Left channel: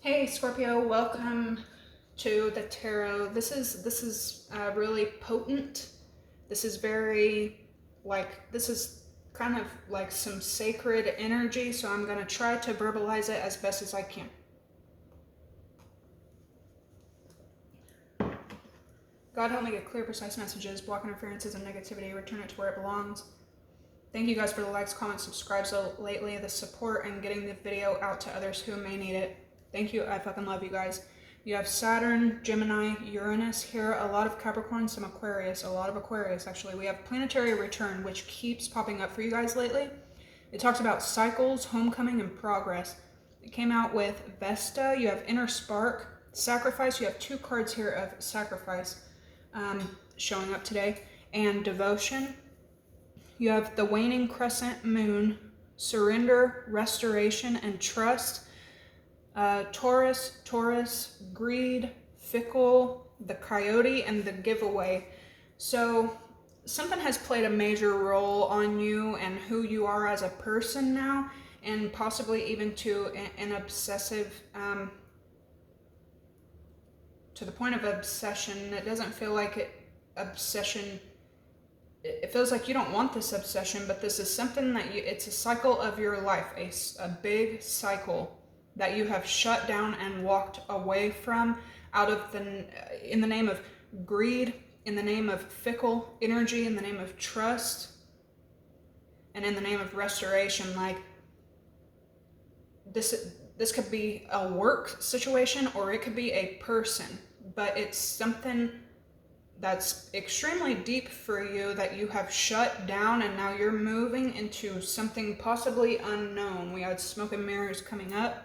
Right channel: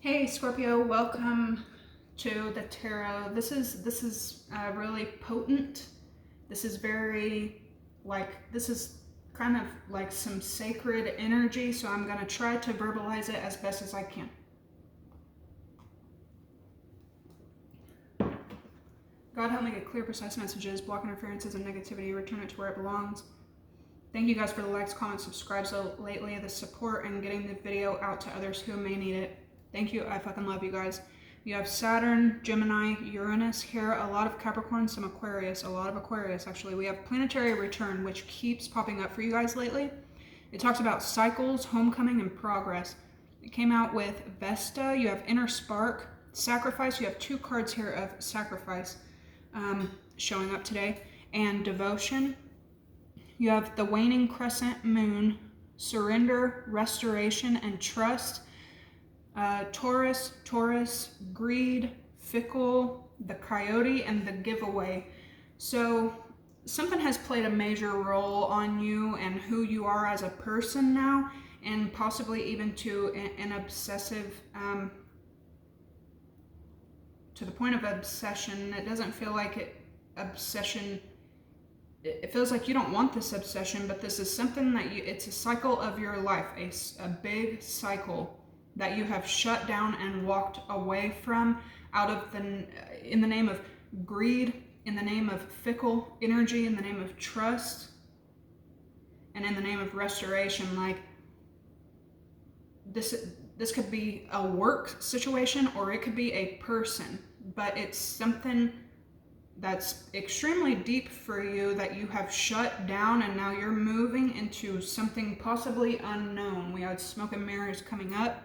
Hey Scorpio, welcome to the tarot. This is really potent. This is very this is kind of like some sacred energy, so I'm going to try to verbalize it as best as I can. God help me get clear, precise messages, block interferences and negativity, return it to where it belongs. Thank you guys for the likes, comments, subscribes lately, the support, and getting the video out to others who may need it. Thank you. I fucking love you guys. You have Saturn, Gemini, Uranus here, a lot of Capricorn, some Aquarius, a lot of Aquarius actually. We have planetary return, which keeps popping up for you guys lately. It talks about cycles, homecoming, and progress. It came out with Vesta. You have inner spark, sacrifice. You have two cards here of sacrifice showing up today, and devotion. You have the waning crescent moon, surrender, restoration, and trust. Taurus, greed, fickle, the coyote, and the giveaway. So something has played a major role on you and who you are as a person now, and possibly even to an obsessive, to the point of obsession. It doesn't feel like obsession. It feels like you don't want this obsession, but this is something that it's a cycle of your life, a big cycle that you have shut down and walked away from in the name of greed, in the name of fickle energy, in the name of trust, and in the name of restoration. Like this could be a work situation or it could be a person, but it's something that's extremely deep for you that you have shut down, and now you're moving into something possibly unknown. We had smoke and mirrors coming up.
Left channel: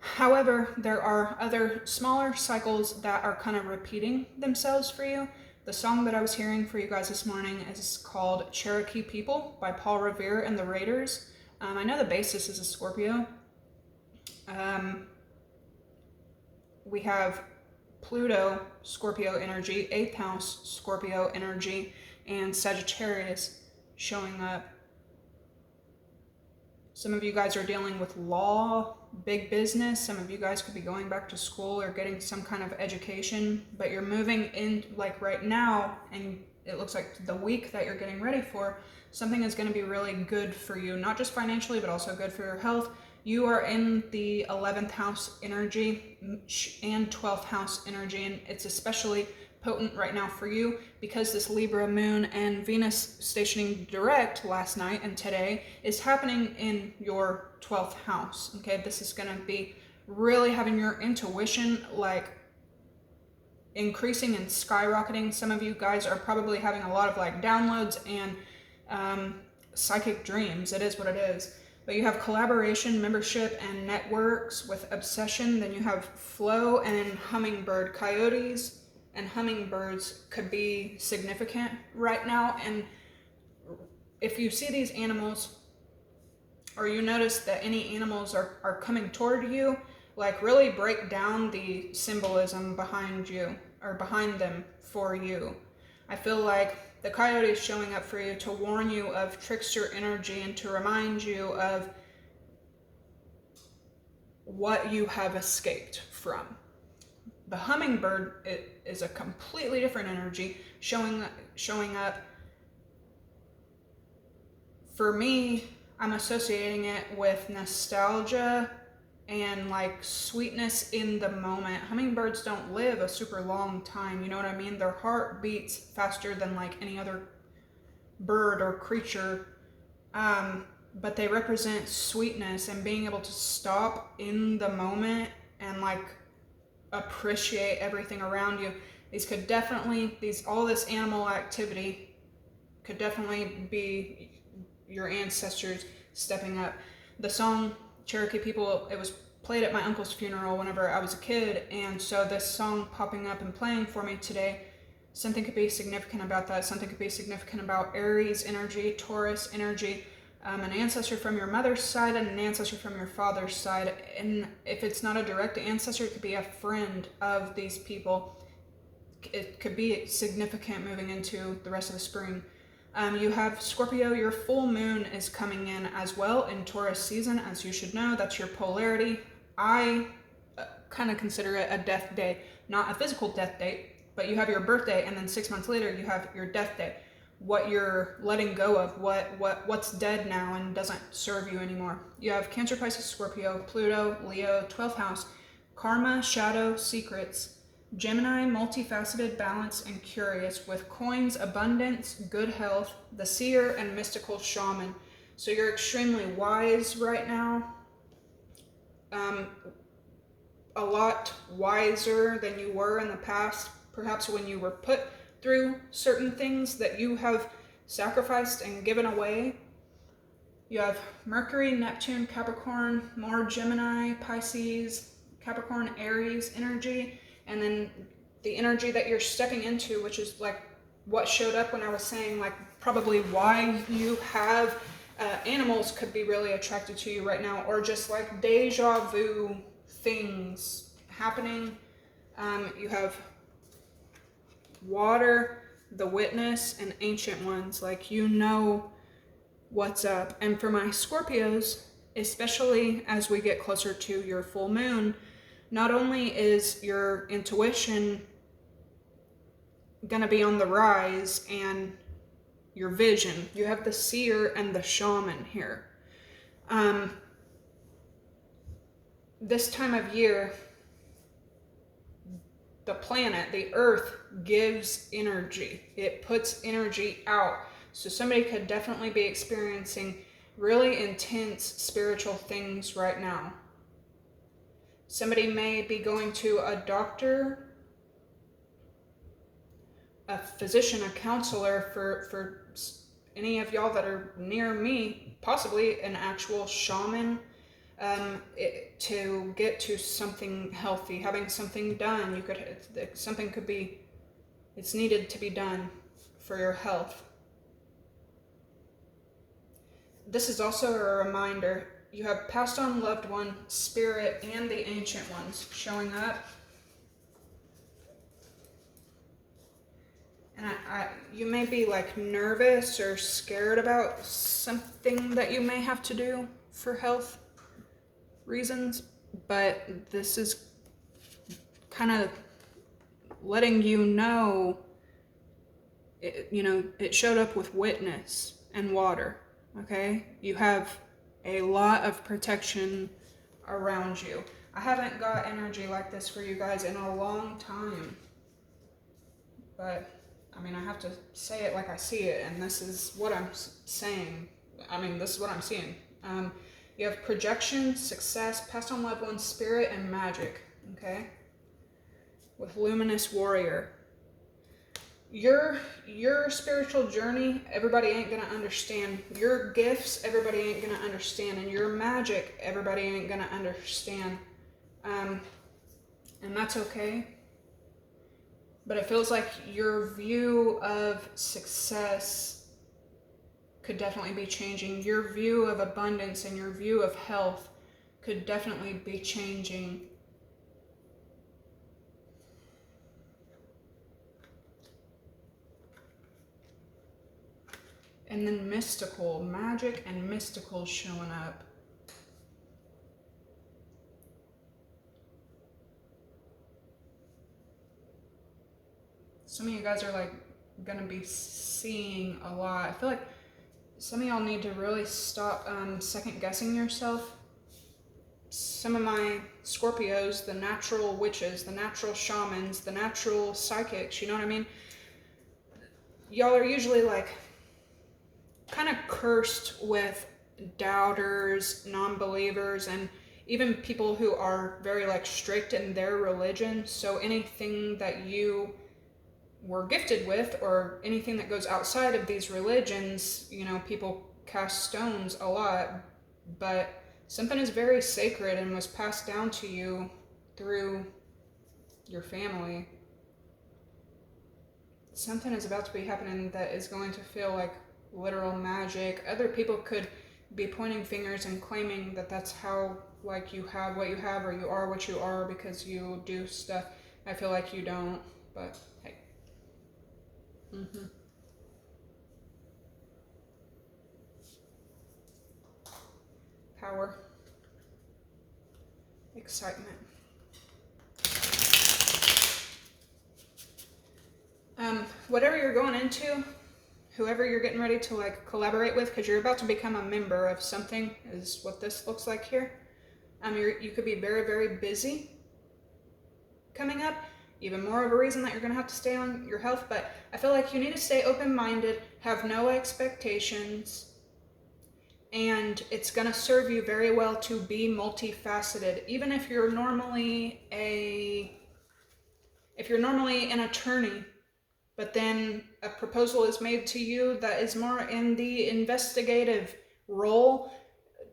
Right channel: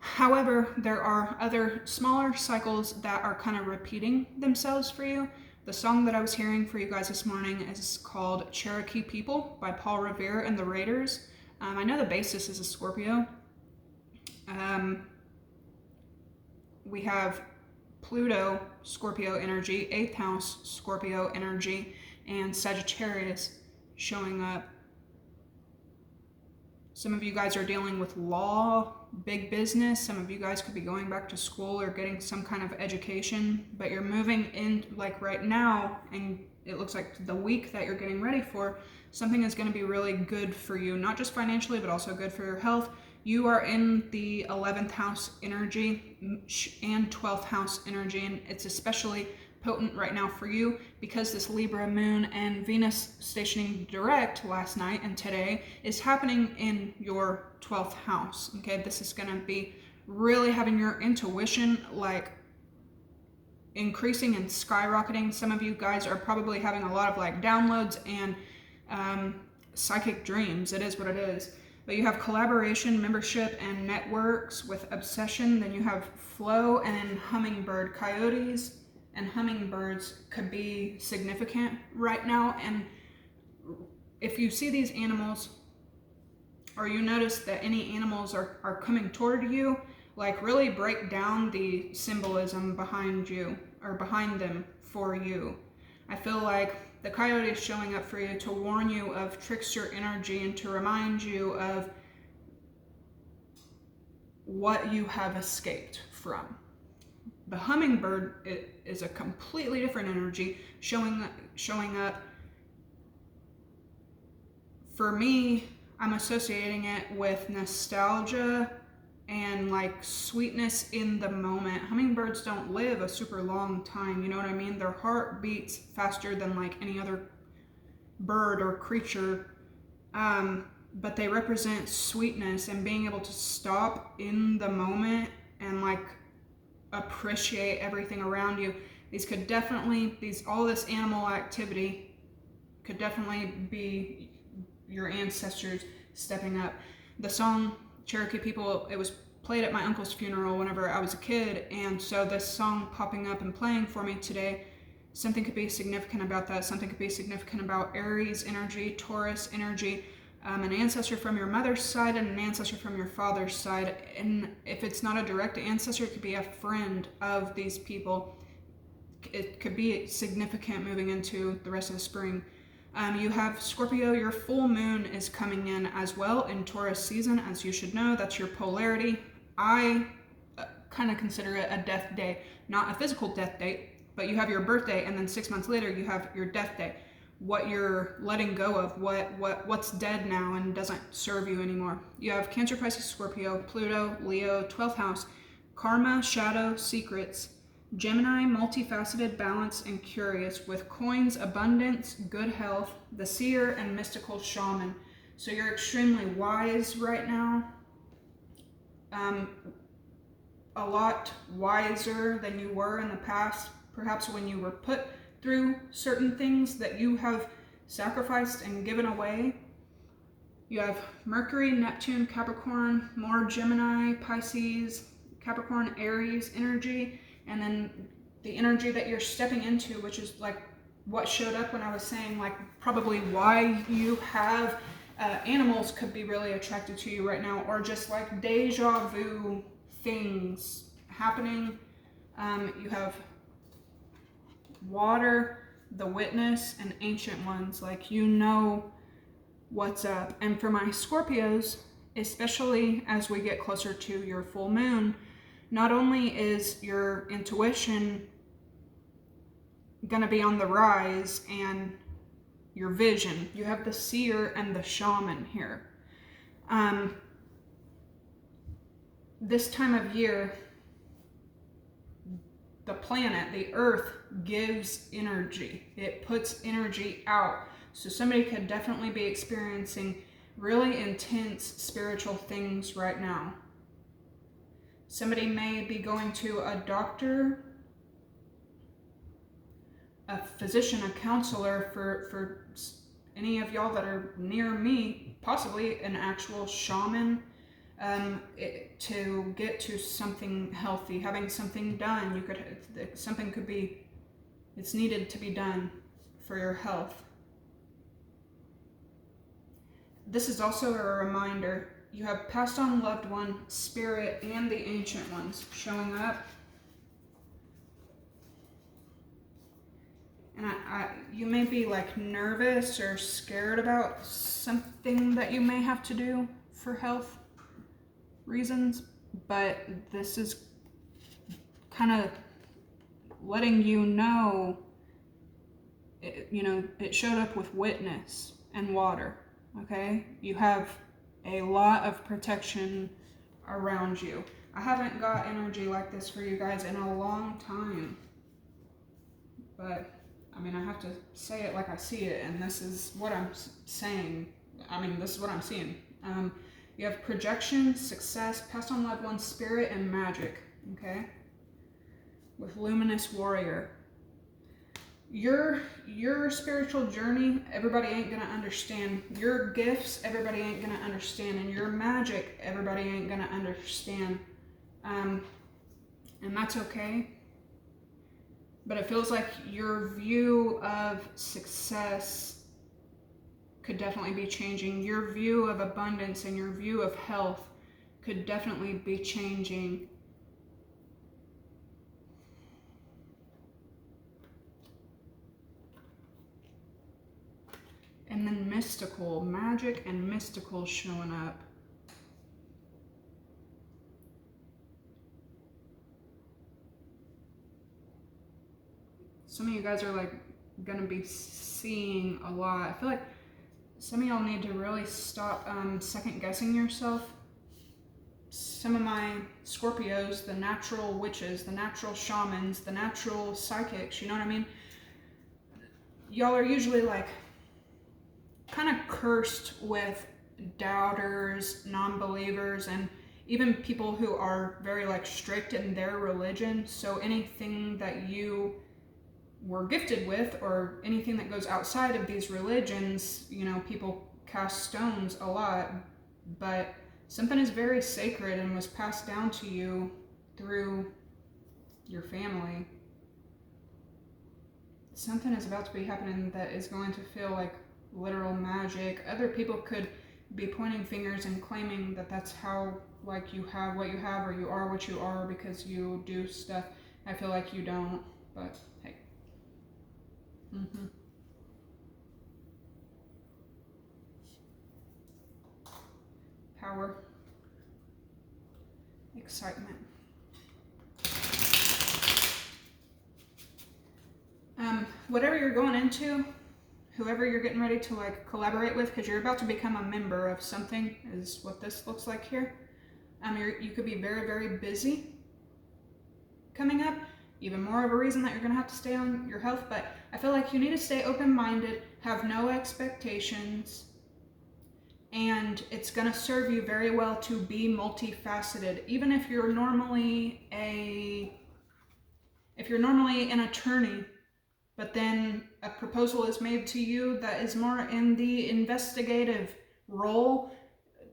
However, there are other smaller cycles that are kind of repeating themselves for you. The song that I was hearing for you guys this morning is called Cherokee People by Paul Revere and the Raiders. I know the bassist is a Scorpio. We have Pluto, Scorpio energy, 8th house, Scorpio energy, and Sagittarius showing up. Some of you guys are dealing with law, big business. Some of you guys could be going back to school or getting some kind of education, but you're moving in like right now, and it looks like the week that you're getting ready for, something is going to be really good for you, not just financially, but also good for your health. You are in the 11th house energy and 12th house energy, and it's especially potent right now for you because this Libra moon and Venus stationing direct last night and today is happening in your 12th house. Okay, this is going to be really having your intuition like increasing and skyrocketing. Some of you guys are probably having a lot of like downloads and psychic dreams. It is what it is. But you have collaboration, membership, and networks with obsession. Then you have flow and hummingbird. Coyotes and hummingbirds could be significant right now. And if you see these animals, or you notice that any animals are coming toward you, like really break down the symbolism behind you or behind them for you. I feel like the coyote is showing up for you to warn you of trickster energy and to remind you of what you have escaped from. The hummingbird is a completely different energy showing up. For me, I'm associating it with nostalgia and like sweetness in the moment. Hummingbirds don't live a super long time, you know what I mean? Their heart beats faster than like any other bird or creature, but they represent sweetness and being able to stop in the moment and like appreciate everything around you. All this animal activity could definitely be your ancestors stepping up. The song Cherokee People, it was played at my uncle's funeral whenever I was a kid, and so this song popping up and playing for me today, something could be significant about that. Something could be significant about Aries energy, Taurus energy, an ancestor from your mother's side and an ancestor from your father's side. And if it's not a direct ancestor, it could be a friend of these people. It could be significant moving into the rest of the spring. You have Scorpio, your full moon is coming in as well in Taurus season, as you should know. That's your polarity. I kind of consider it a death day, not a physical death date, but you have your birthday and then 6 months later you have your death day. What you're letting go of, what's dead now and doesn't serve you anymore. You have Cancer, Pisces, Scorpio, Pluto, Leo, 12th house, Karma, Shadow, Secrets, Gemini, multifaceted, balanced, and curious, with coins, abundance, good health, the seer, and mystical shaman. So you're extremely wise right now. A lot wiser than you were in the past, perhaps when you were put through certain things that you have sacrificed and given away. You have Mercury, Neptune, Capricorn, more Gemini, Pisces, Capricorn, Aries energy, and then the energy that you're stepping into, which is like what showed up when I was saying like probably why you have animals could be really attracted to you right now, or just like deja vu things happening. You have water, the witness, and ancient ones, like you know what's up. And for my Scorpios, especially as we get closer to your full moon, not only is your intuition gonna be on the rise and your vision, you have the seer and the shaman here. This time of year, the planet, the earth, gives energy. It puts energy out. So somebody could definitely be experiencing really intense spiritual things right now. Somebody may be going to a doctor, a physician, a counselor, for any of y'all that are near me, possibly an actual shaman, to get to something healthy, having something done. You could, something could be, it's needed to be done for your health. This is also a reminder, you have passed on loved one, spirit, and the ancient ones showing up. And you may be like nervous or scared about something that you may have to do for health reasons, but this is kind of letting you know, it showed up with witness and water, okay? You have a lot of protection around you. I haven't got energy like this for you guys in a long time, but I mean, I have to say it like I see it, and this is what I'm saying. I mean, this is what I'm seeing. You have projection, success, passed on loved ones, spirit, and magic, okay? With luminous warrior. Your spiritual journey, everybody ain't gonna understand. Your gifts, everybody ain't gonna understand. And your magic, everybody ain't gonna understand. And that's okay. But it feels like your view of success could definitely be changing. Your view of abundance and your view of health could definitely be changing. And then mystical, magic and mystical showing up. Some of you guys are like gonna be seeing a lot. I feel like some of y'all need to really stop second guessing yourself. Some of my Scorpios, the natural witches, the natural shamans, the natural psychics, you know what I mean? Y'all are usually like kind of cursed with doubters, non-believers, and even people who are very like strict in their religion. So anything that you were gifted with, or anything that goes outside of these religions, people cast stones a lot, but something is very sacred and was passed down to you through your family. Something is about to be happening that is going to feel like literal magic. Other people could be pointing fingers and claiming that that's how, like, you have what you have, or you are what you are because you do stuff. I feel like you don't, but hey. Power. excitement. Whatever you're going into, whoever you're getting ready to like collaborate with, because you're about to become a member of something, is what this looks like here. You could be very, very busy coming up. Even more of a reason that you're going to have to stay on your health, but I feel like you need to stay open-minded, have no expectations, and it's going to serve you very well to be multifaceted. Even if you're normally an attorney, but then a proposal is made to you that is more in the investigative role,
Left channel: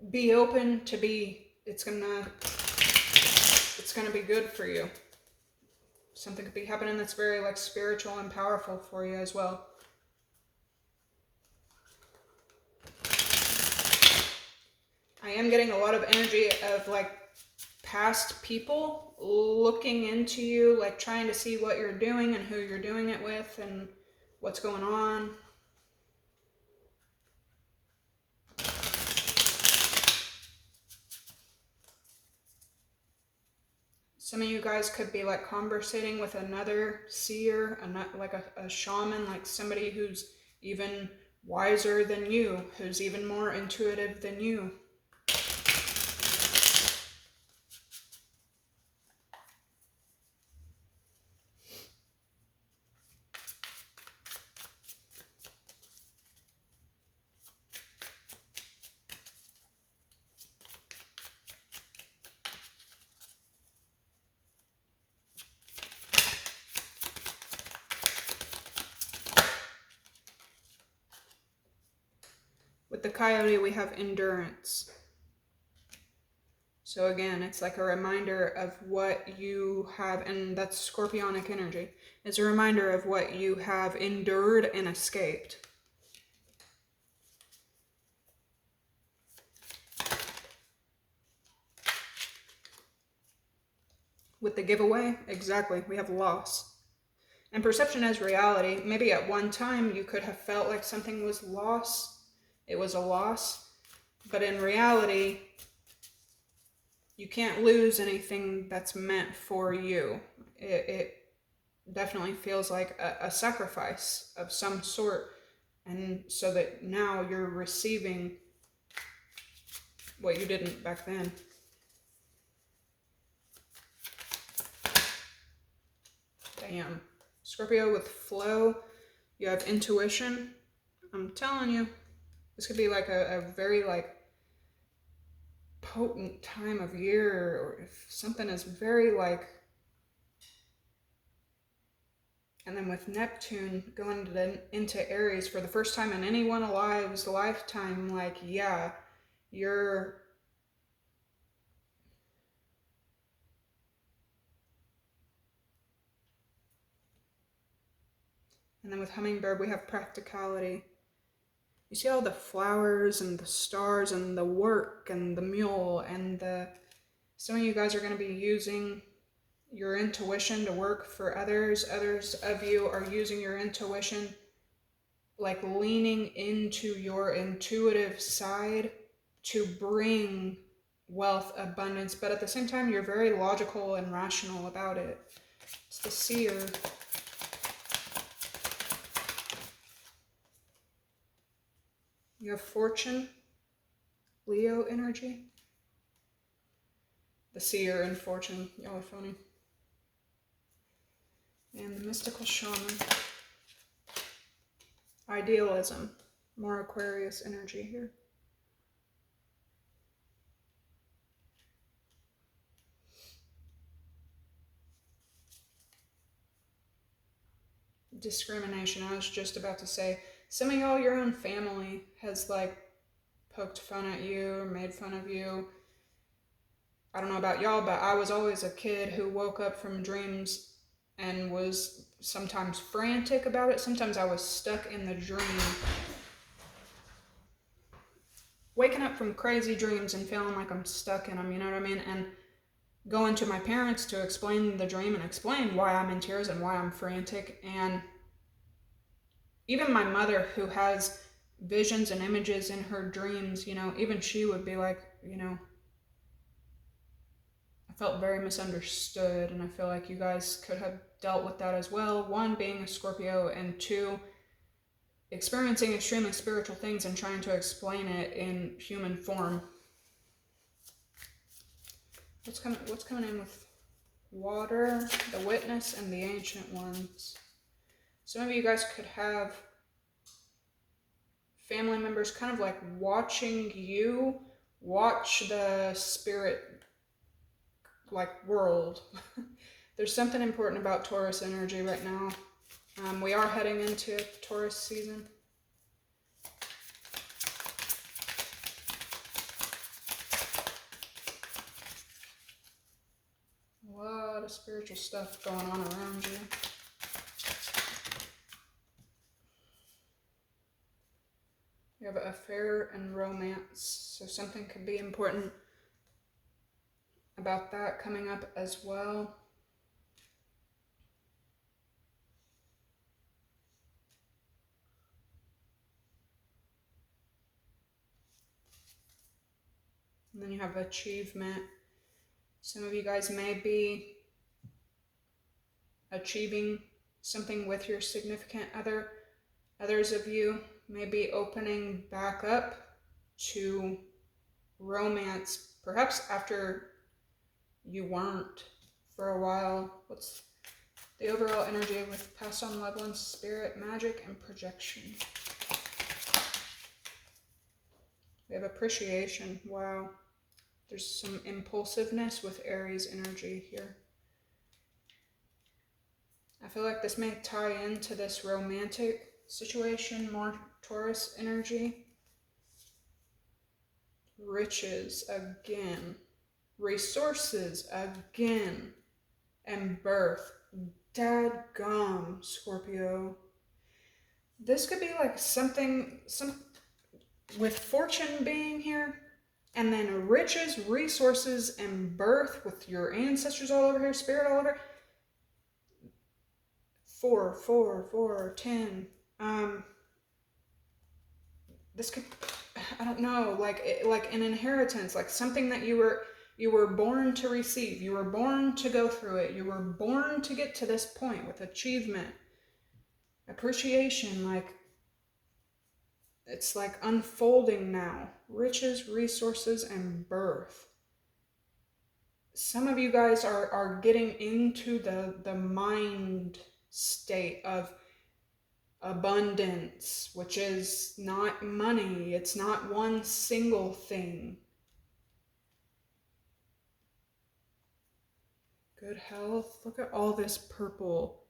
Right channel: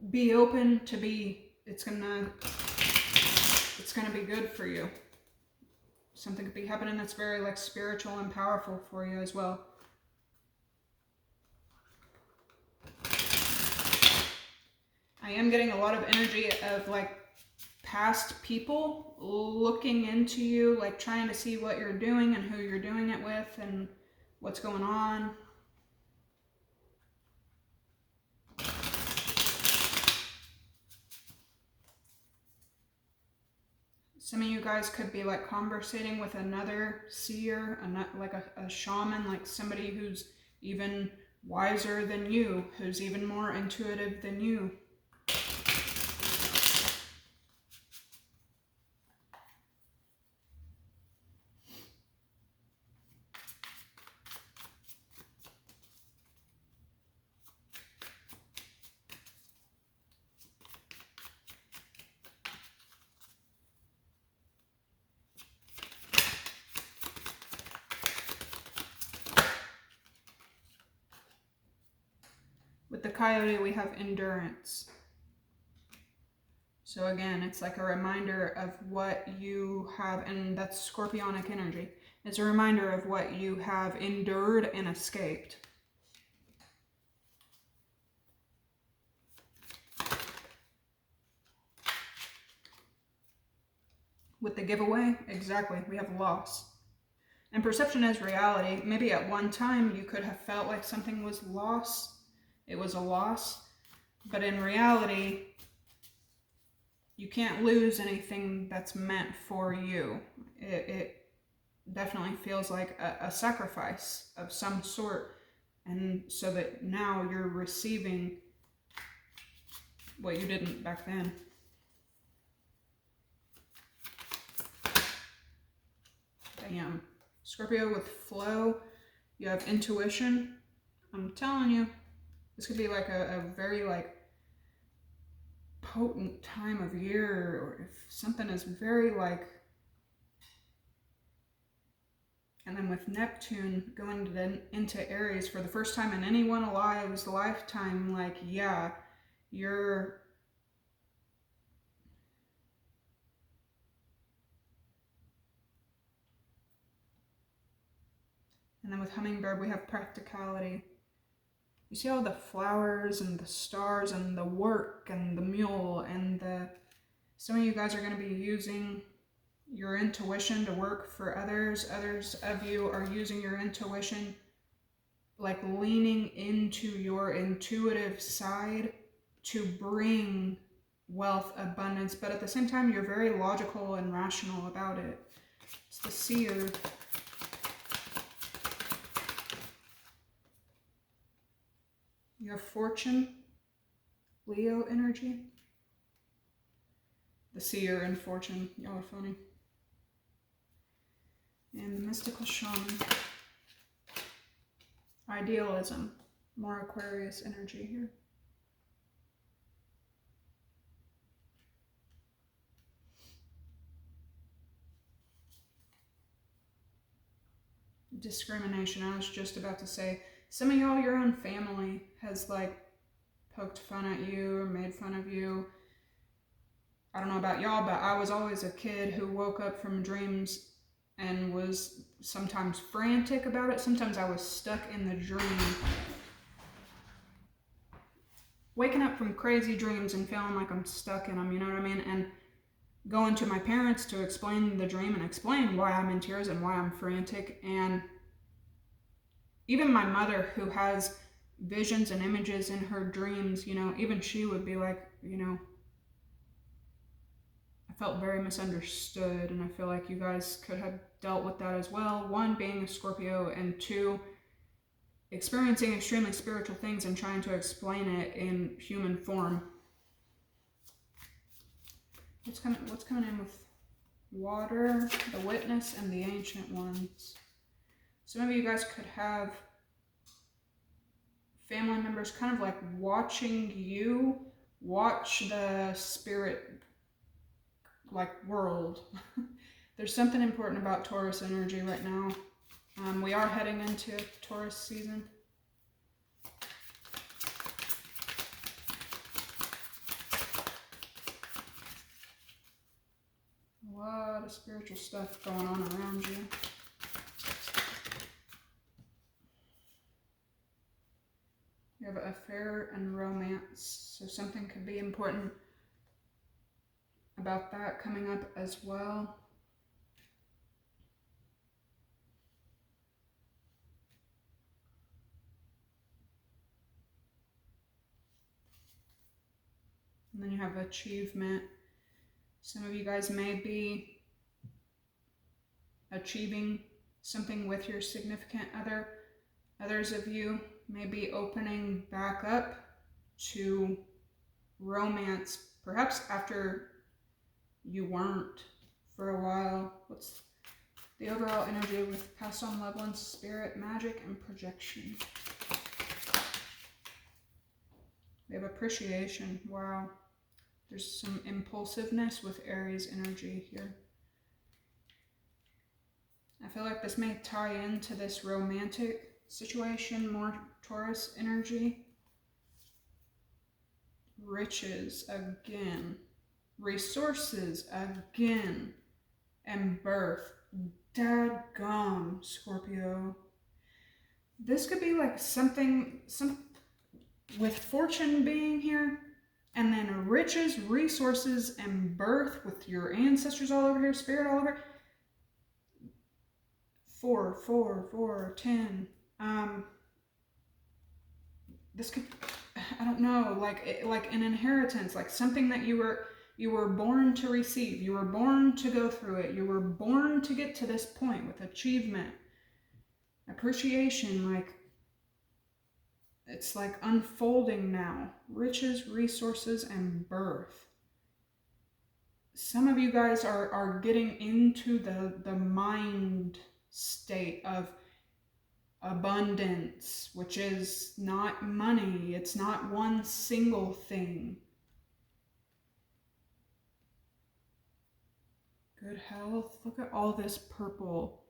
be open to it's gonna be good for you. Something could be happening that's very like spiritual and powerful for you as well. I am getting a lot of energy of like past people looking into you, like trying to see what you're doing and who you're doing it with and what's going on. Some of you guys could be like conversating with another seer, like a shaman, like somebody who's even wiser than you, who's even more intuitive than you. With the coyote, we have endurance. So again, it's like a reminder of what you have, and that's scorpionic energy. It's a reminder of what you have endured and escaped. With the giveaway, exactly, we have loss. And perception as reality. Maybe at one time you could have felt like something was lost. It was a loss. But in reality, you can't lose anything that's meant for you. It definitely feels like a sacrifice of some sort. And so that now you're receiving what you didn't back then. Damn. Scorpio with flow. You have intuition. I'm telling you, this could be like a very like potent time of year, or if something is very like, and then with Neptune going into Aries for the first time in anyone alive's lifetime, like, yeah, you're and then with Hummingbird, we have practicality. You see all the flowers and the stars and the work and the mule and some of you guys are going to be using your intuition to work for others. Others of you are using your intuition, like leaning into your intuitive side to bring wealth, abundance, but at the same time, you're very logical and rational about it. It's the seer. You have fortune, Leo energy. The seer and fortune, y'all are funny. And the mystical shaman. Idealism, more Aquarius energy here. Discrimination, I was just about to say, some of y'all, your own family has like poked fun at you or made fun of you. I don't know about y'all, but I was always a kid who woke up from dreams and was sometimes frantic about it. Sometimes I was stuck in the dream. Waking up from crazy dreams and feeling like I'm stuck in them, you know what I mean? And going to my parents to explain the dream and explain why I'm in tears and why I'm frantic. And even my mother, who has visions and images in her dreams, you know, even she would be like, you know, I felt very misunderstood, and I feel like you guys could have dealt with that as well. One, being a Scorpio, and two, experiencing extremely spiritual things and trying to explain it in human form. What's coming in with water, the witness, and the ancient ones? Some of you guys could have family members kind of like watching you watch the spirit like world. There's something important about Taurus energy right now. We are heading into Taurus season. A lot of spiritual stuff going on around you. You have an affair and romance, so something could be important about that coming up as well. And then you have achievement. Some of you guys may be achieving something with your significant other. Others of you may be opening back up to romance, perhaps after you weren't for a while. What's the overall energy with passed on loved ones, spirit, magic, and projection? We have appreciation. Wow. There's some impulsiveness with Aries energy here. I feel like this may tie into this romantic situation, more Taurus energy. Riches again. Resources again. And birth. Dadgum, Scorpio. This could be like something with fortune being here, and then riches, resources, and birth with your ancestors all over here, spirit all over. 4, 4, 4, 10. This could, I don't know, like an inheritance, like something that you were born to receive. You were born to go through it. You were born to get to this point with achievement, appreciation, like it's like unfolding now. Riches, resources, and birth. Some of you guys are getting into the mind state of abundance, which is not money. It's not one single thing. Good health. Look at all this purple.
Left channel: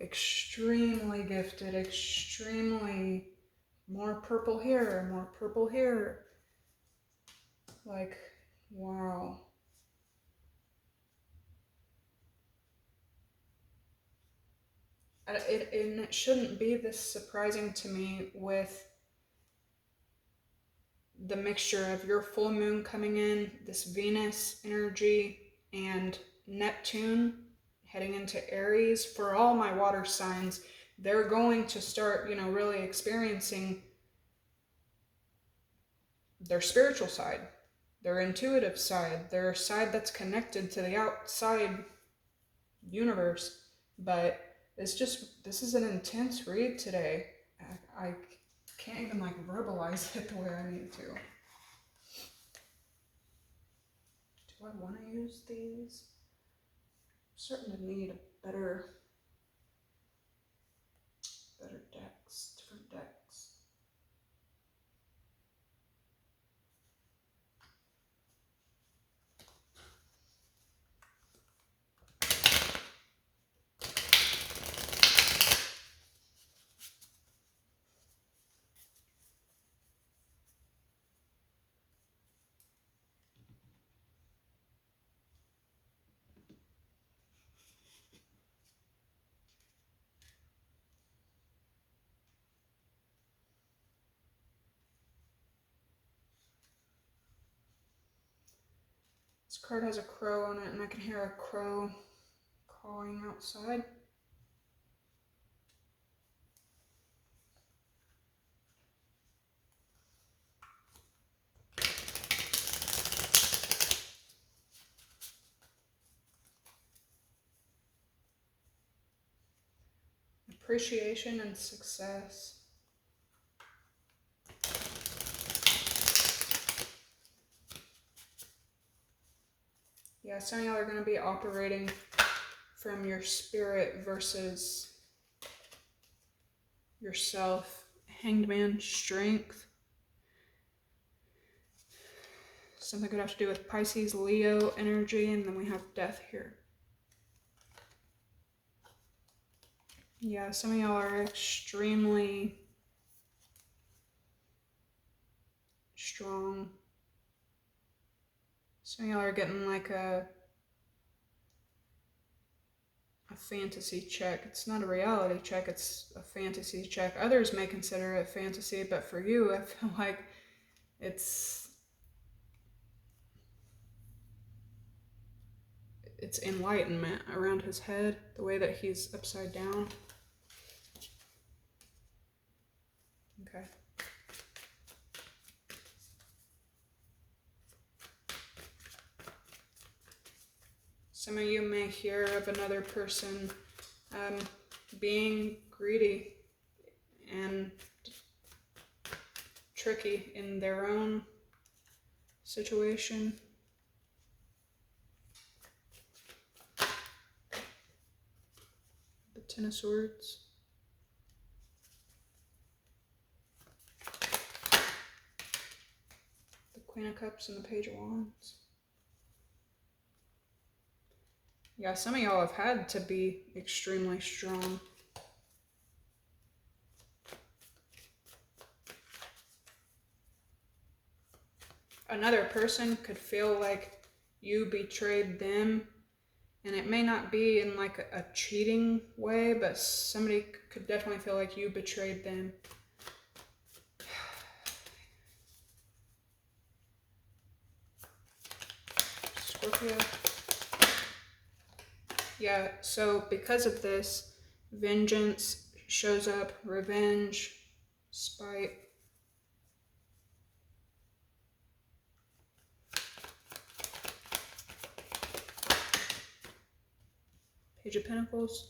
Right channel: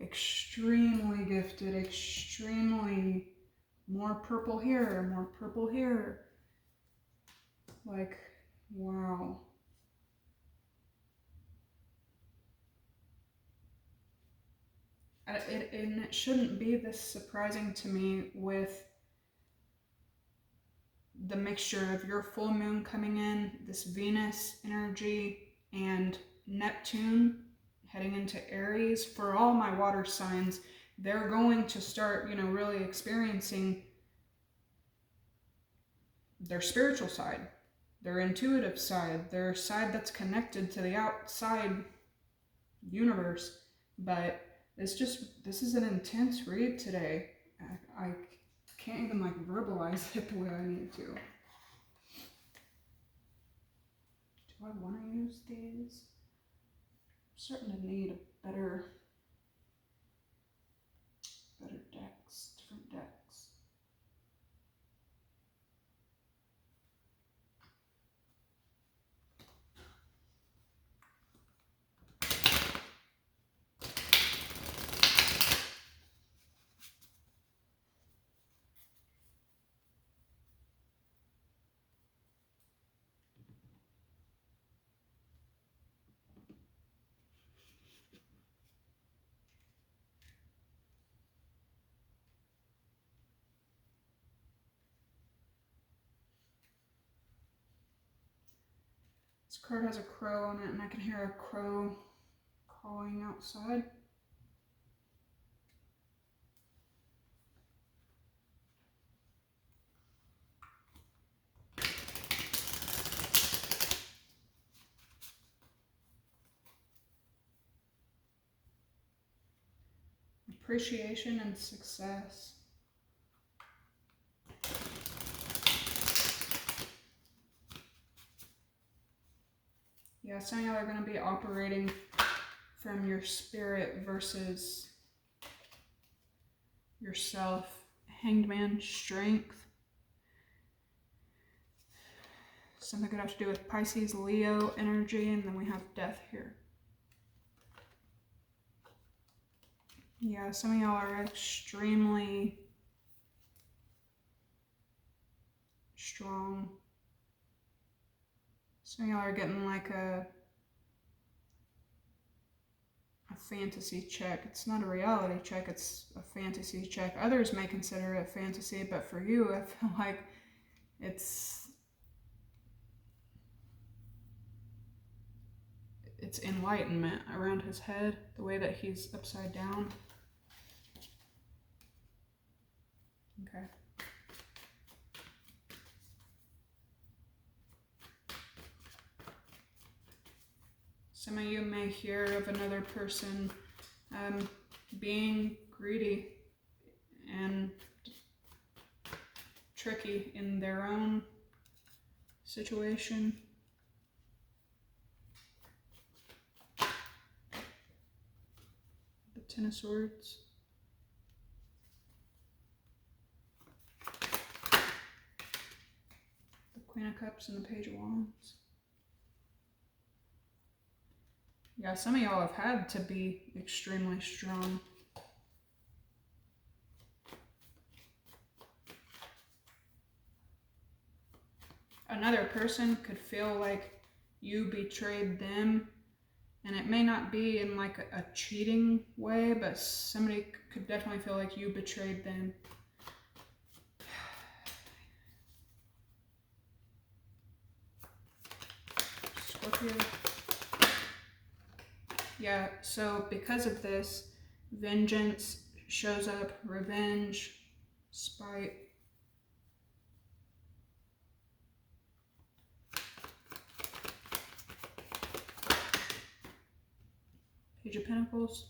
Extremely gifted, extremely more purple here, more purple here. Like, wow. And it shouldn't be this surprising to me with the mixture of your full moon coming in, this Venus energy, and Neptune heading into Aries. For all my water signs, they're going to start, really experiencing their spiritual side, their intuitive side, their side that's connected to the outside universe. But this is an intense read today. I can't even verbalize it the way I need to. Do I want to use these? I'm starting to need better decks, different decks. This card has a crow on it, and I can hear a crow cawing outside. appreciation and success. Yeah, some of y'all are going to be operating from your spirit versus yourself. Hanged Man, strength. Something could have to do with Pisces, Leo energy, and then we have death here. Yeah, some of y'all are extremely strong. Some of y'all are getting like a fantasy check. It's not a reality check, it's a fantasy check. Others may consider it fantasy, but for you, I feel like it's enlightenment around his head, the way that he's upside down. Okay. Some of you may hear of another person being greedy and tricky in their own situation. The Ten of Swords. The Queen of Cups and the Page of Wands. Yeah, some of y'all have had to be extremely strong. Another person could feel like you betrayed them, and it may not be in like a cheating way, but somebody could definitely feel like you betrayed them. Scorpio. Yeah, so because of this, vengeance shows up, revenge, spite. Page of Pentacles.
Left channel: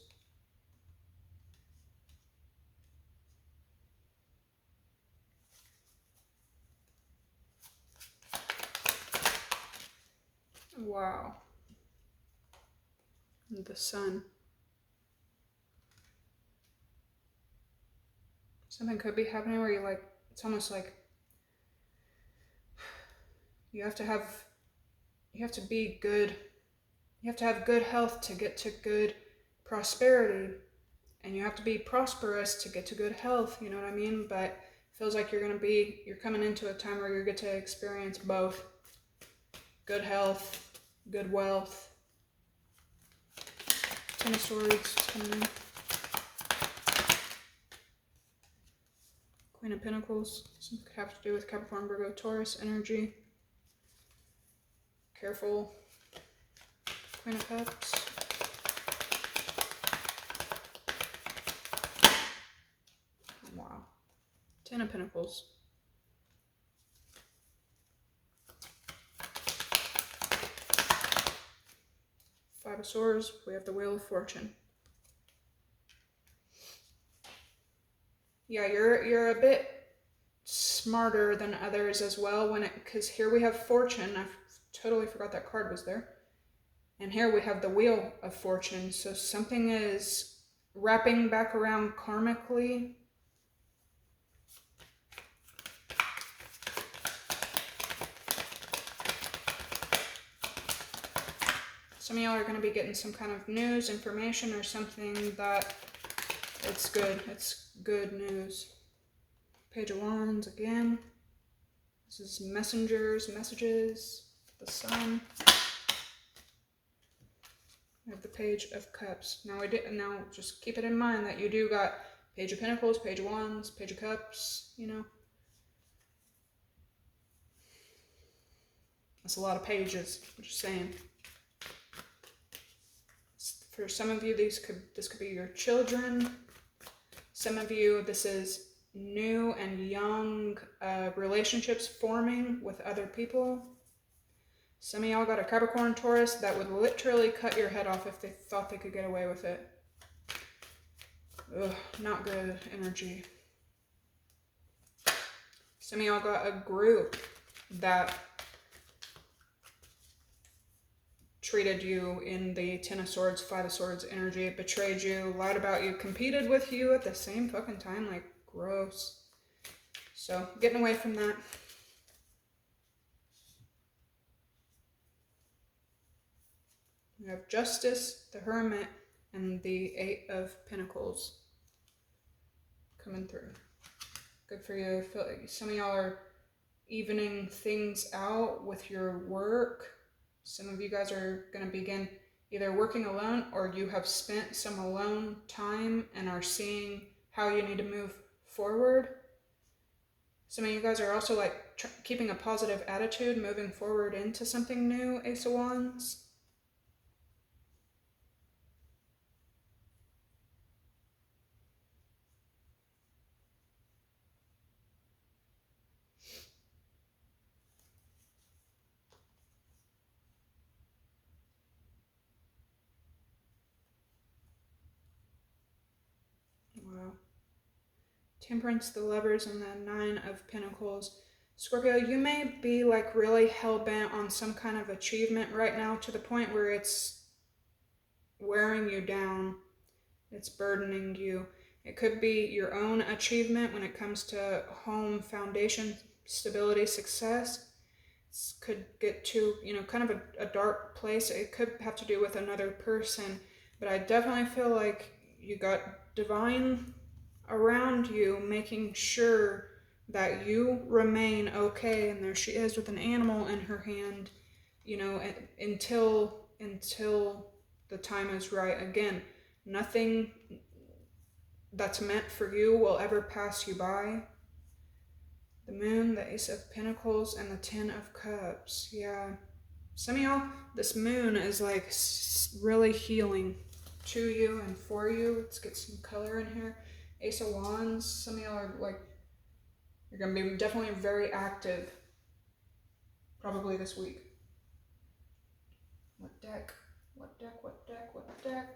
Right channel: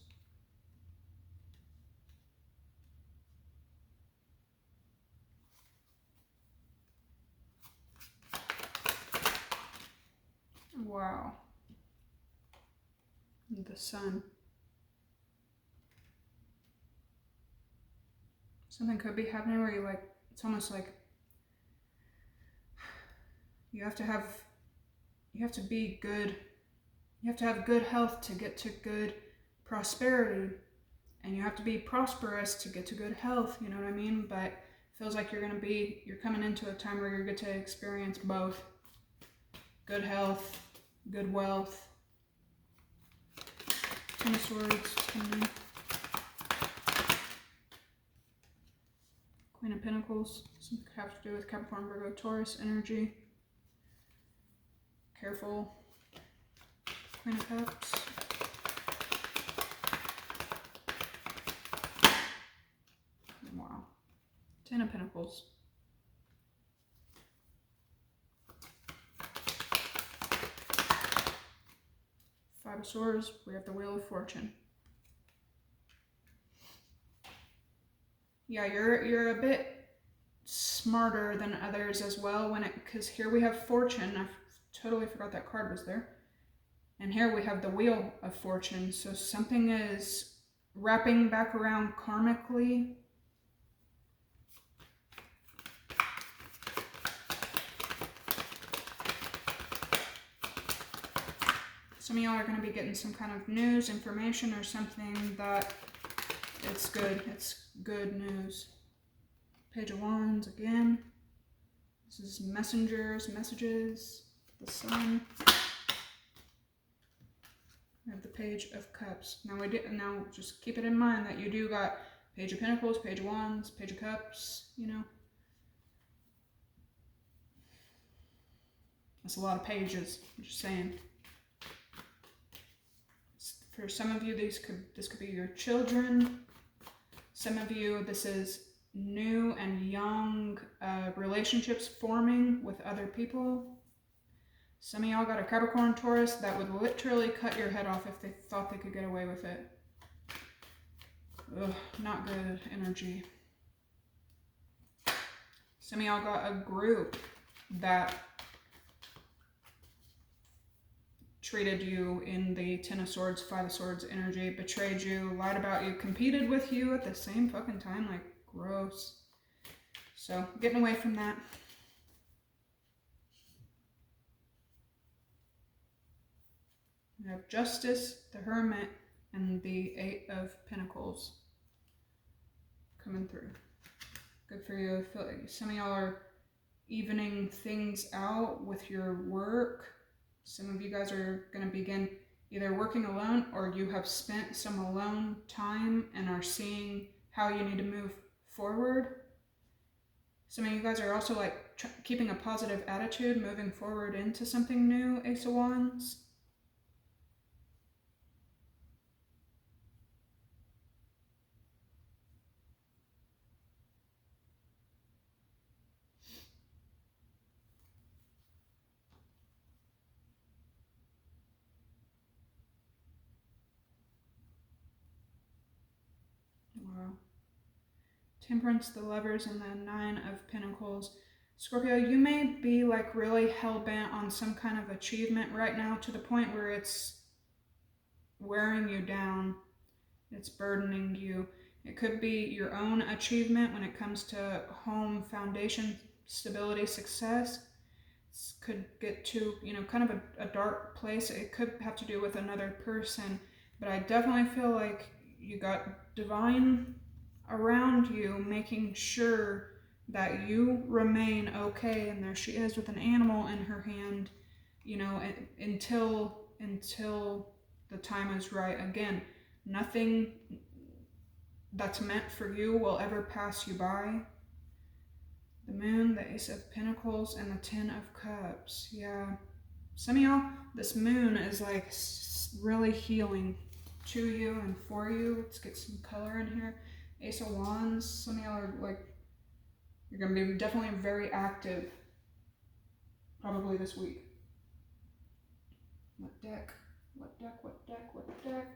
Wow. The Sun. Something could be happening where you're like, it's almost like you have to be good. You have to have good health to get to good prosperity. And you have to be prosperous to get to good health, you know what I mean? But it feels like you're coming into a time where you get to experience both. Good health, good wealth. Ten of Swords, 10. Queen of Pentacles. Something could have to do with Capricorn, Virgo, Taurus energy. Careful. Queen of Cups. Wow. Ten of Pentacles. Five of Swords. We have the Wheel of Fortune. Yeah, you're a bit smarter than others as well because here we have Fortune. I totally forgot that card was there. And here we have the Wheel of Fortune. So something is wrapping back around karmically. Some of y'all are going to be getting some kind of news, information, or something that it's good. It's good news. Page of Wands again. This is messengers, messages, the Sun. We have the Page of Cups. Now just keep it in mind that you do got Page of Pentacles, Page of Wands, Page of Cups, you know. That's a lot of pages, I'm just saying. For some of you, this could be your children. Some of you, this is new and young relationships forming with other people. Some of y'all got a Capricorn, Taurus that would literally cut your head off if they thought they could get away with it. Ugh, not good energy. Some of y'all got a group that treated you in the Ten of Swords, Five of Swords energy, betrayed you, lied about you, competed with you at the same fucking time. Like, gross. So, getting away from that. We have Justice, the Hermit, and the Eight of Pentacles coming through. Good for you. I feel like some of y'all are evening things out with your work. Some of you guys are going to begin either working alone, or you have spent some alone time and are seeing how you need to move forward. Some of you guys are also like keeping a positive attitude, moving forward into something new, Ace of Wands. Wow. Temperance, the Lovers, and the Nine of Pentacles. Scorpio, you may be like really hell-bent on some kind of achievement right now, to the point where it's wearing you down. It's burdening you. It could be your own achievement when it comes to home, foundation, stability, success. It could get to, kind of a dark place. It could have to do with another person. But I definitely feel like you got divine around you, making sure that you remain okay. And there she is with an animal in her hand, until the time is right. Again, nothing that's meant for you will ever pass you by. The Moon, the Ace of Pentacles, and the Ten of Cups. Yeah. Some of y'all, this moon is like really healing to you and for you. Let's get some color in here. Ace of Wands. Some of y'all are like, you're going to be definitely very active probably this week. What deck? What deck? What deck? What deck?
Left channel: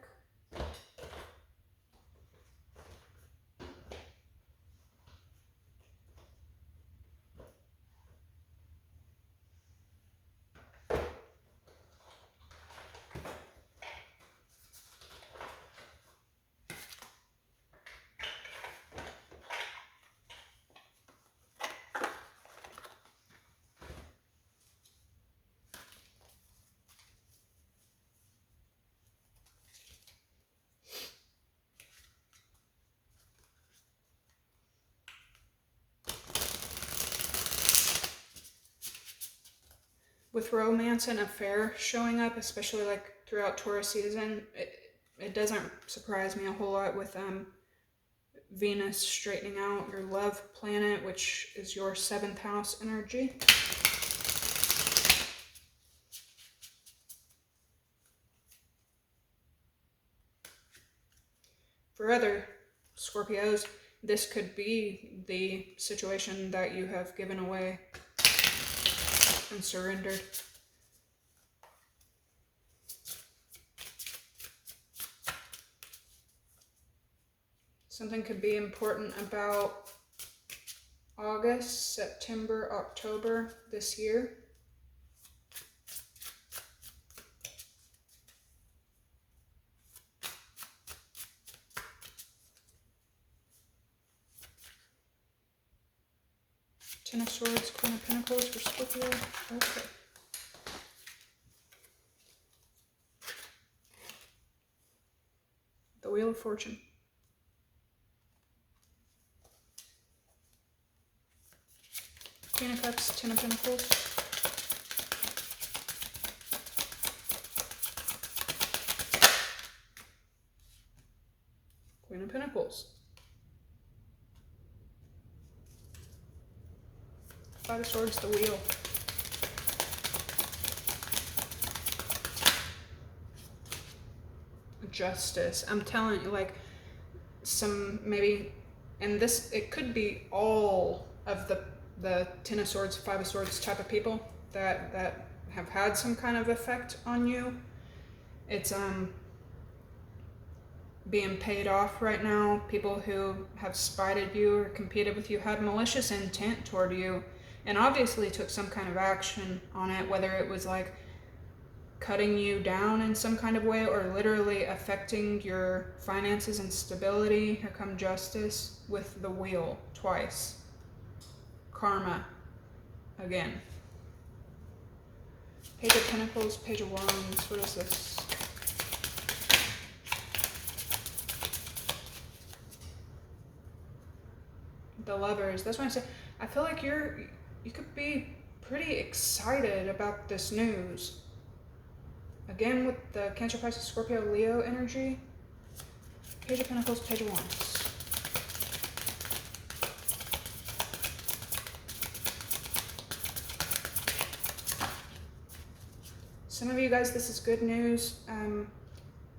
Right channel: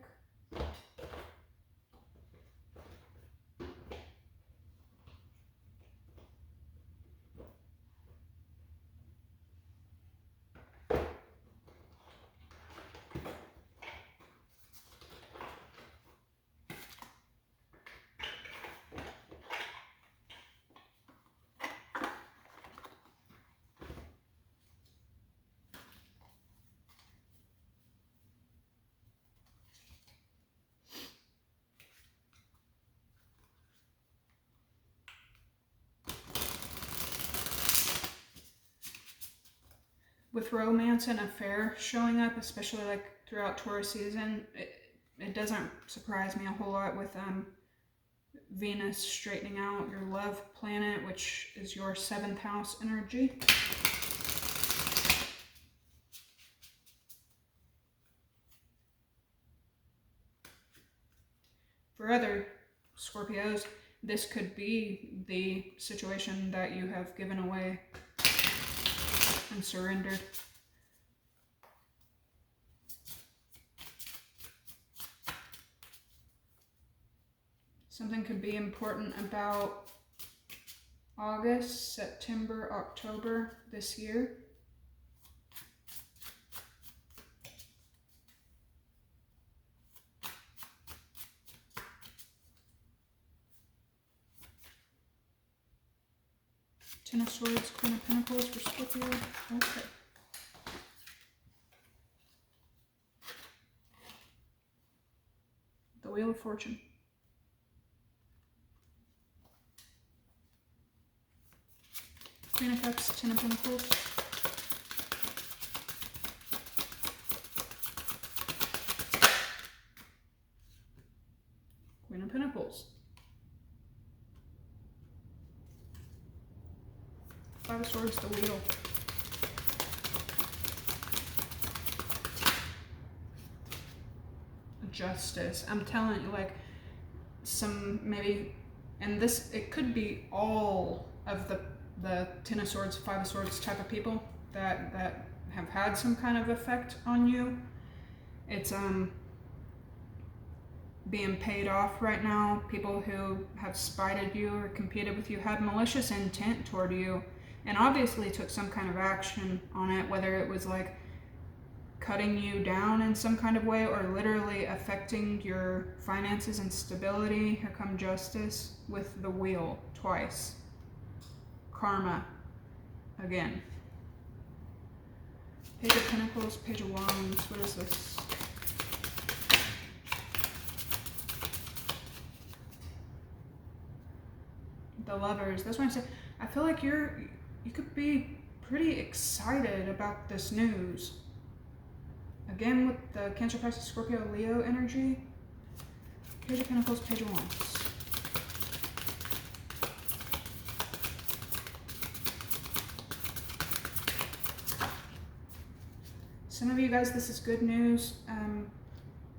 With romance and affair showing up, especially like throughout Taurus season, it doesn't surprise me a whole lot with Venus straightening out your love planet, which is your 7th house energy. For other Scorpios, this could be the situation that you have given away and surrendered. Something could be important about August, September, October this year. Ten of Swords, Queen of Pentacles for Scorpio. Okay. The Wheel of Fortune. Queen of Cups, Ten of Pentacles. Queen of Pentacles. Five of Swords, the Wheel. Justice. I'm telling you, like, some maybe, and this, it could be all of the Ten of Swords, Five of Swords type of people that have had some kind of effect on you. It's being paid off right now. People who have spited you or competed with you had malicious intent toward you and obviously took some kind of action on it, whether it was like cutting you down in some kind of way or literally affecting your finances and stability. Here come justice with the wheel twice. Karma again. Page of Pentacles, Page of Wands. What is this? The Lovers. That's why I said I feel like you could be pretty excited about this news. Again with the Cancer, Pisces, Scorpio, Leo energy. Page of Pentacles, Page of Wands. Some of you guys, this is good news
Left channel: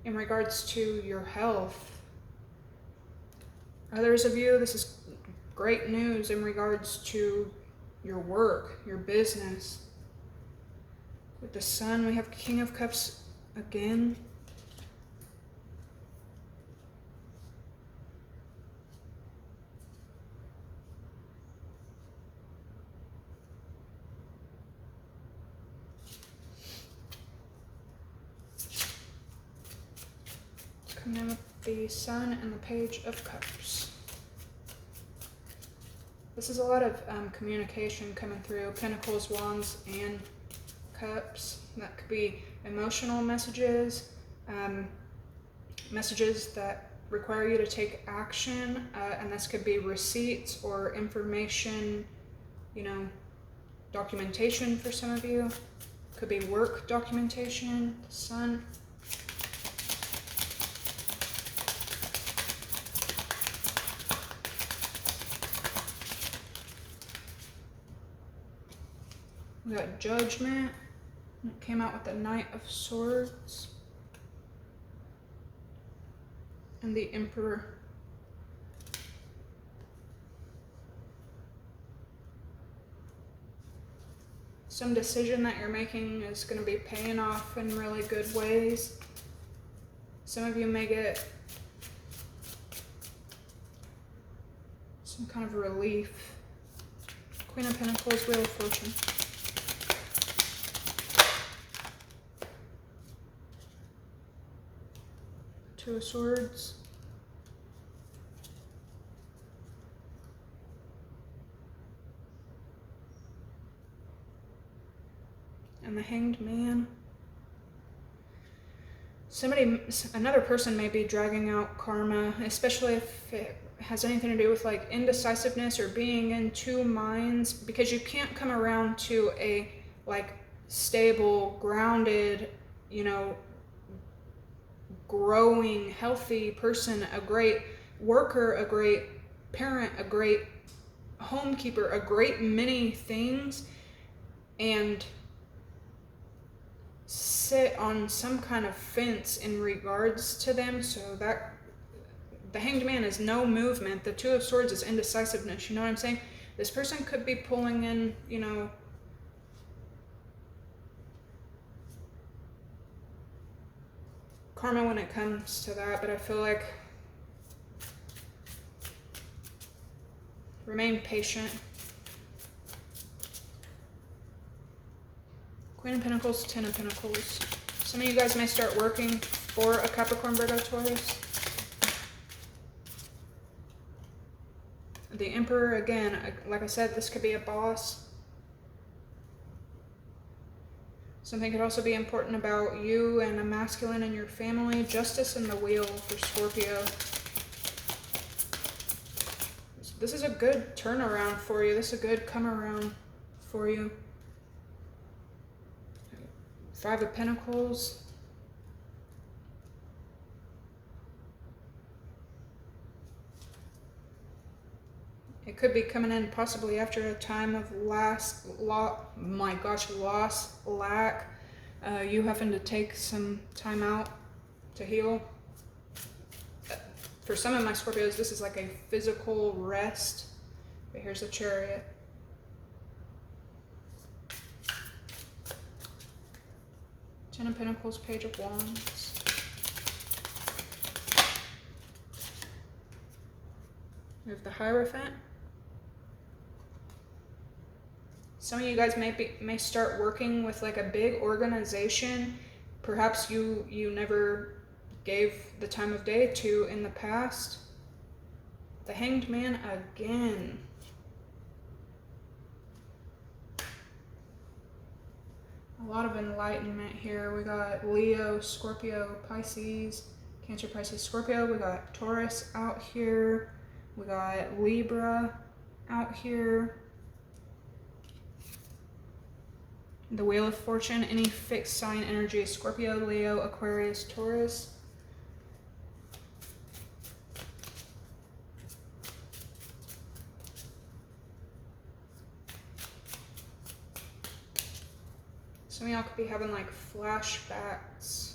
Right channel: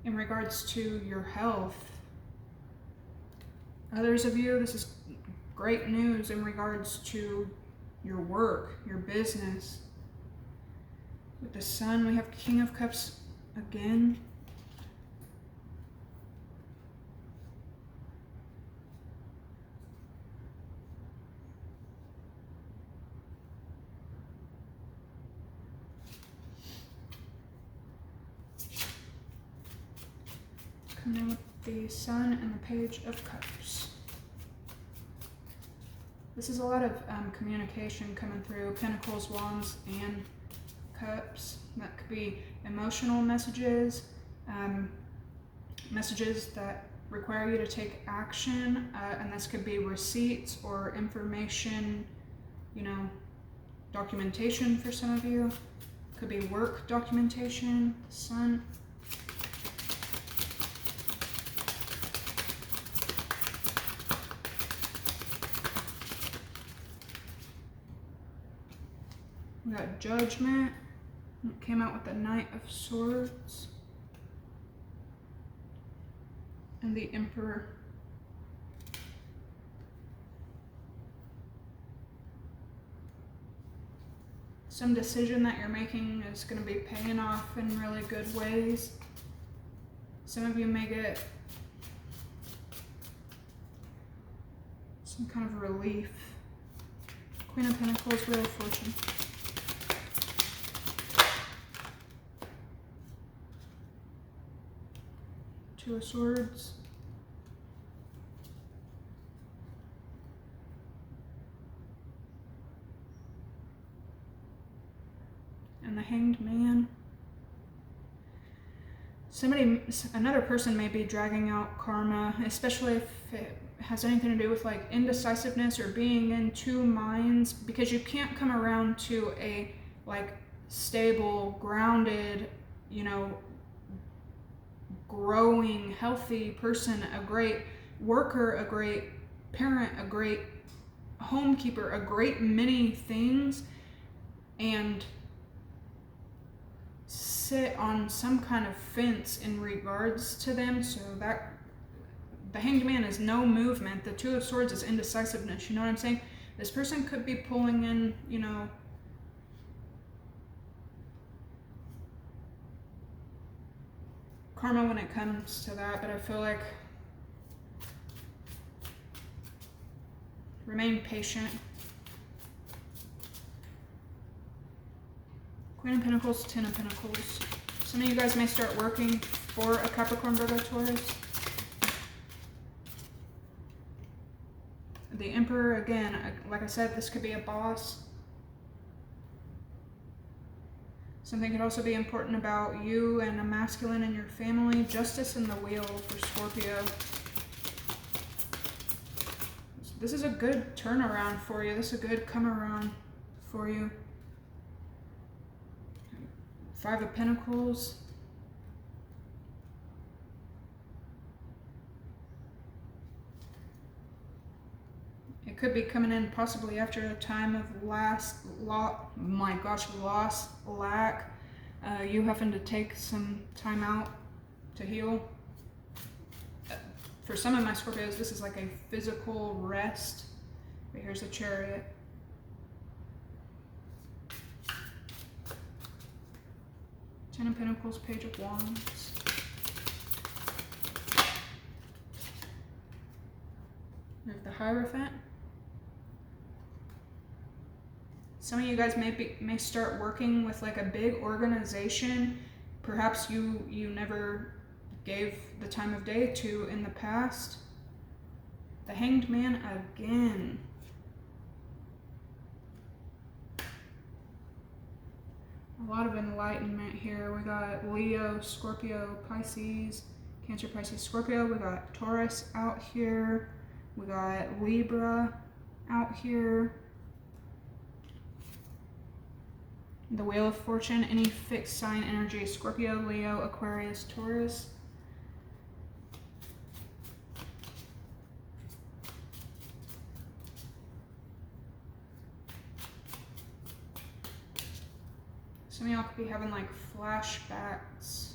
in regards to your health. Others of you, this is great news in regards to your work, your business. With the Sun, we have King of Cups again. Come in with the Sun and the Page of Cups. This is a lot of communication coming through. Pentacles, Wands, and Cups. That could be emotional messages, messages that require you to take action, and this could be receipts or information, you know, documentation for some of you. Could be work documentation, Sun. We got Judgment. It came out with the Knight of Swords. And the Emperor. Some decision that you're making is going to be paying off in really good ways. Some of you may get some kind of relief. Queen of Pentacles, Wheel of Fortune. Two of Swords. And the Hanged Man. Another person may be dragging out karma, especially if it has anything to do with like indecisiveness or being in two minds, because you can't come around to a like stable, grounded, you know, growing, healthy person, a great worker, a great parent, a great homekeeper, a great many things, and sit on some kind of fence in regards to them. So that the Hanged Man is no movement. The Two of Swords is indecisiveness. You know what I'm saying? This person could be pulling in, you know, karma when it comes to that, but I feel like remain patient. Queen of Pentacles, Ten of Pentacles. Some of you guys may start working for a Capricorn, Virgo, Taurus. The Emperor, again, like I said, this could be a boss. Something could also be important about you and a masculine in your family. Justice and the Wheel for Scorpio. This is a good turnaround for you. This is a good come around for you. Five of Pentacles. It could be coming in possibly after a time of loss, lack. You having to take some time out to heal. For some of my Scorpios, this is like a physical rest. But here's the Chariot. Ten of Pentacles, Page of Wands. You have the Hierophant. Some of you guys may start working with like a big organization. Perhaps you never gave the time of day to in the past. The Hanged Man again. A lot of enlightenment here. We got Leo, Scorpio, Pisces, Cancer, Pisces, Scorpio. We got Taurus out here. We got Libra out here. The Wheel of Fortune, any fixed sign energy, Scorpio, Leo, Aquarius, Taurus. Some of y'all could be having like flashbacks.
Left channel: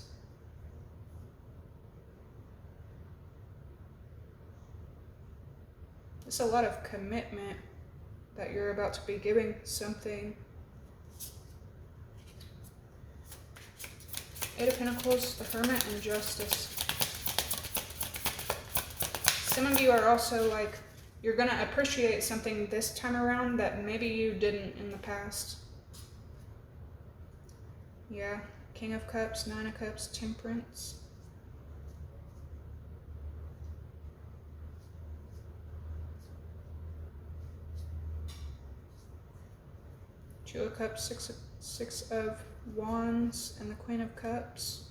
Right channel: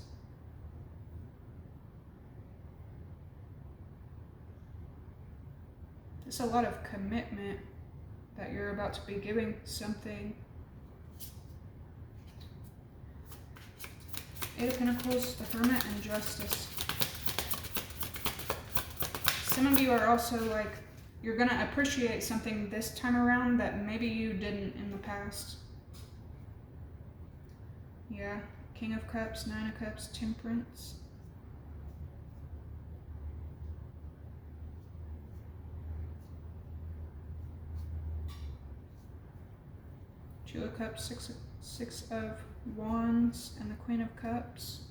It's a lot of commitment that you're about to be giving something. Eight of Pentacles, the Hermit, and Justice. Some of you are also like, you're going to appreciate something this time around that maybe you didn't in the past. Yeah, King of Cups, Nine of Cups, Temperance. Two of Cups, Six of Wands, and the Queen of Cups.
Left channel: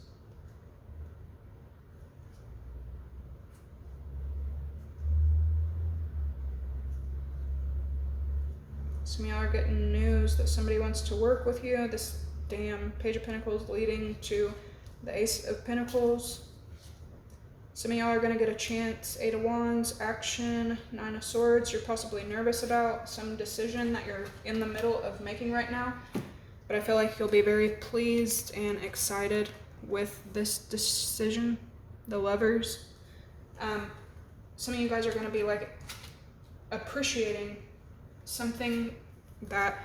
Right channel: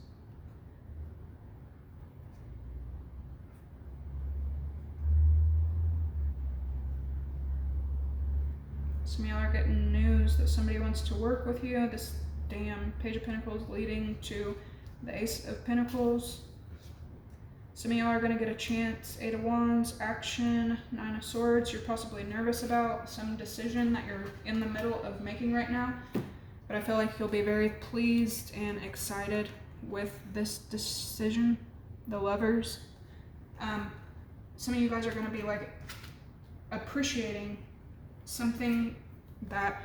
Some of y'all are getting news that somebody wants to work with you. This damn Page of Pentacles leading to the Ace of Pentacles. Some of y'all are going to get a chance. Eight of Wands, action, Nine of Swords. You're possibly nervous about some decision that you're in the middle of making right now. But I feel like you'll be very pleased and excited with this decision. The Lovers. Some of you guys are going to be like appreciating something that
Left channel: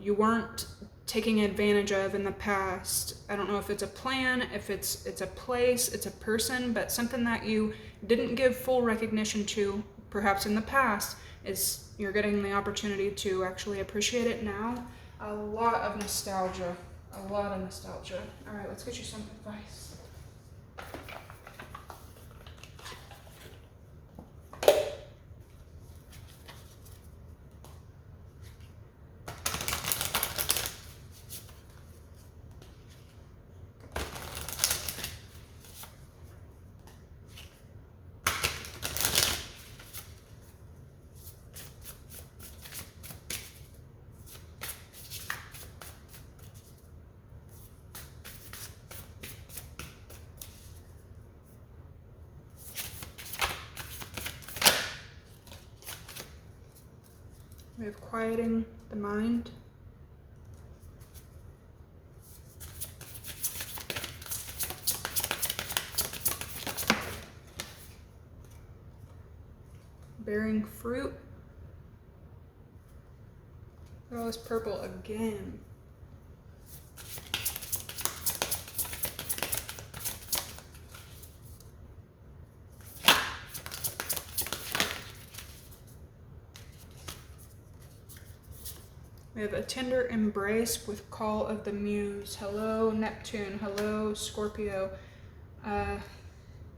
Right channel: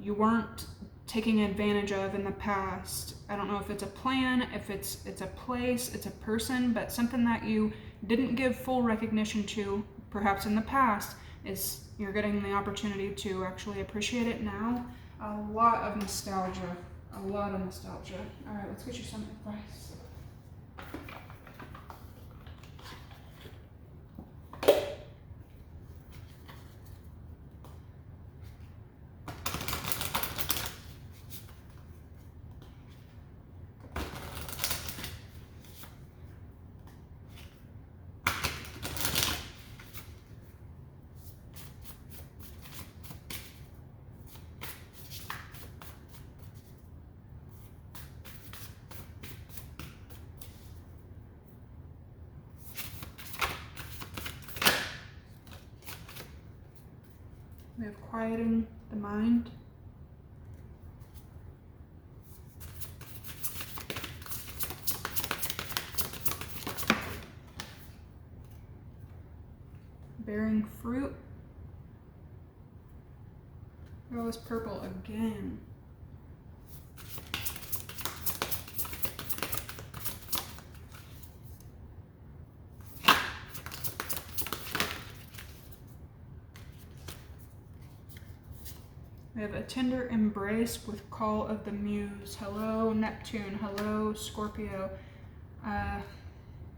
you weren't taking advantage of in the past. I don't know if it's a plan, if it's a place, it's a person, but something that you didn't give full recognition to perhaps in the past is you're getting the opportunity to actually appreciate it now. A lot of nostalgia. A lot of nostalgia. All right, let's get you some advice. We have quieting the mind. Bearing fruit. Oh, it's purple again. We have a tender embrace with call of the muse. Hello, Neptune. Hello, Scorpio.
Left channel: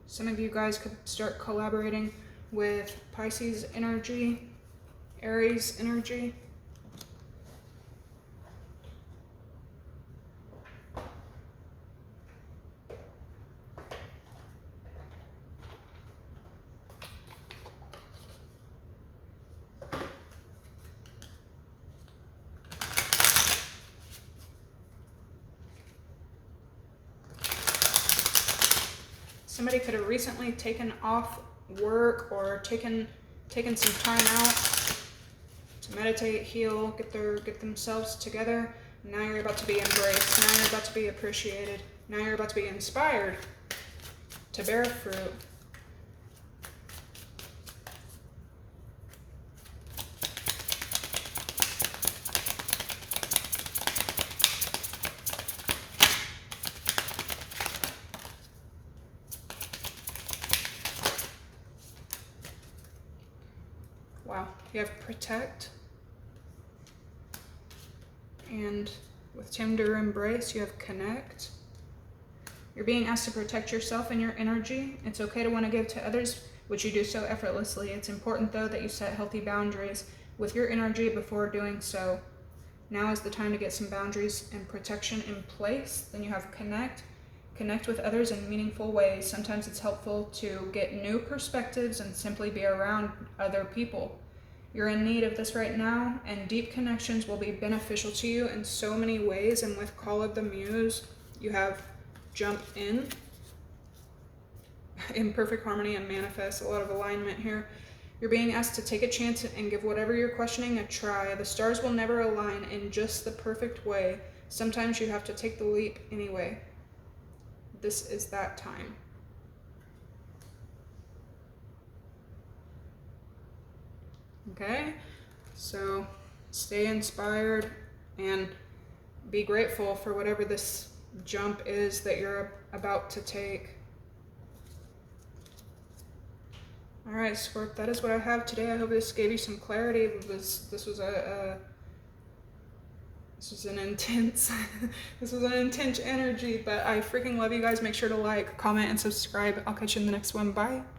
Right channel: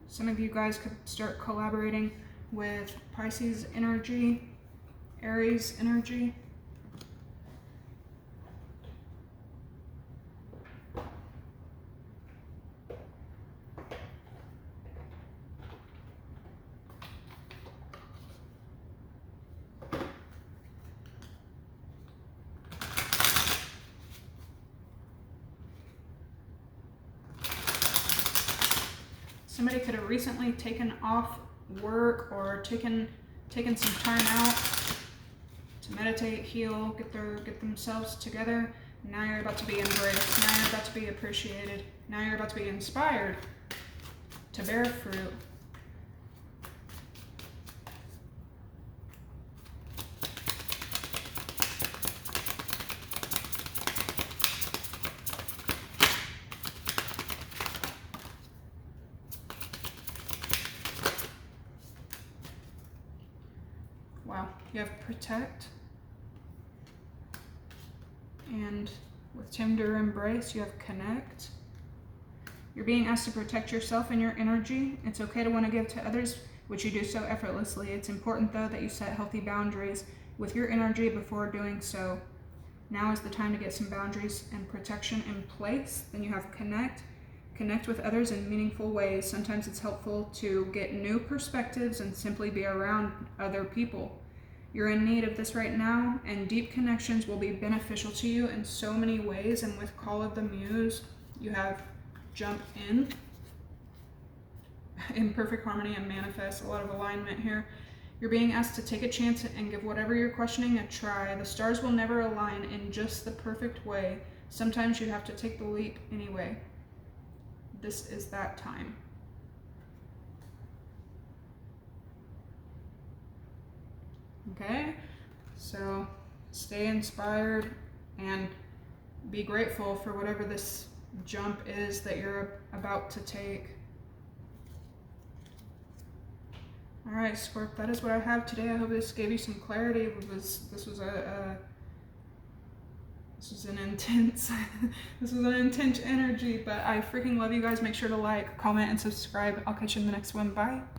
Some of you guys could start collaborating with Pisces energy, Aries energy. Somebody could have recently taken off work or taken some time out to meditate, heal, get themselves together. Now you're about to be embraced. Now you're about to be appreciated. Now you're about to be inspired to bear fruit. you have protect. And with tender embrace, you have connect. You're being asked to protect yourself and your energy. It's okay to want to give to others, which you do so effortlessly. It's important, though, that you set healthy boundaries with your energy before doing so. Now is the time to get some boundaries and protection in place. Then you have connect. Connect with others in meaningful ways. Sometimes it's helpful to get new perspectives and simply be around other people. You're in need of this right now, and deep connections will be beneficial to you in so many ways. And with Call of the Muse, you have jump in perfect harmony and manifest. A lot of alignment here. You're being asked to take a chance and give whatever you're questioning a try. The stars will never align in just the perfect way. Sometimes you have to take the leap anyway. This is that time. Okay, so stay inspired and be grateful for whatever this jump is that you're about to take. All right, Scorp, that is what I have today. I hope this gave you some clarity. This was an intense this was an intense energy, but I freaking love you guys. Make sure to like, comment, and subscribe. I'll catch you in the next one. Bye.